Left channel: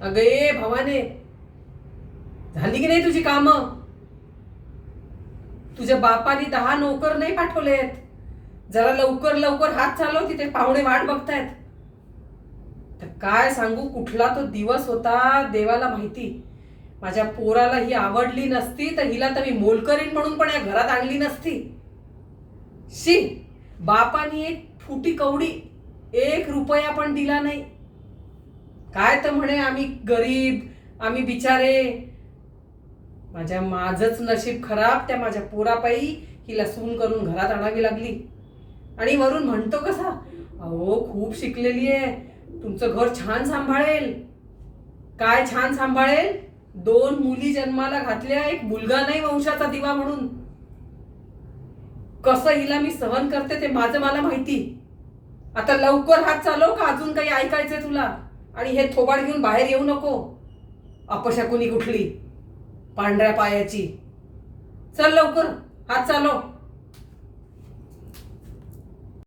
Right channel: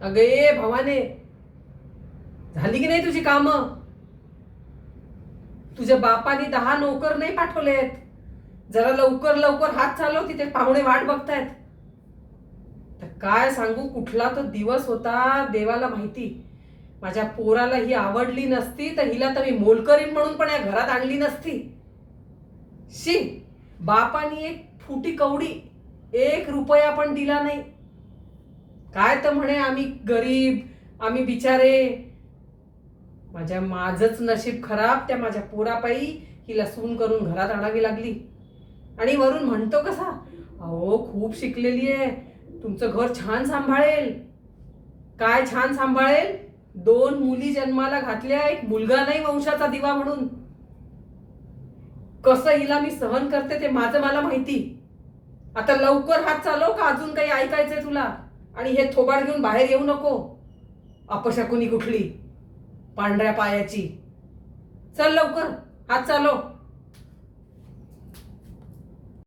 अगं ये भवाने, झाली की नाही तुझी कामं? तुझ्या बापाने 10 नोकर नाही पाठवलेत. जरा लवकर लवकर हात चालव, तिथे पाहुणे वाट बघतायत. तर काय सांगू, कुठला तो दिवस होता देवाला माहिती. माझ्या पोराला ही आवडली नसती तर हिला तर मी मोलकरीण म्हणून पण या घरात आणली नसती. शी, बापानी एक फुटी कवडी, 1 रुपया पण दिला नाही. काय तर म्हणे आम्ही गरीब, आम्ही बिचारे. माझंच नशीब खराब, त्या माझ्या पोरापायी हिला सून करून घरात आणावी लागली. आणि वरून म्हणतो कसा, अहो खूप शिकलेली आहे, तुमचं घर छान सांभाळेल. काय छान सांभाळेल? 2 मुली जन्माला घातल्या, एक मुलगा नाही वंशाचा दिवा म्हणून. कसं हिला मी सहन करते ते माझं मला माहिती. आता लवकर हात चालव, का अजून काही ऐकायचंय तुला? आणि हे थोबाड घेऊन बाहेर येऊ नको, अपशकुनी कुठली पांढऱ्या पायाची. चल लवकर हात चालव.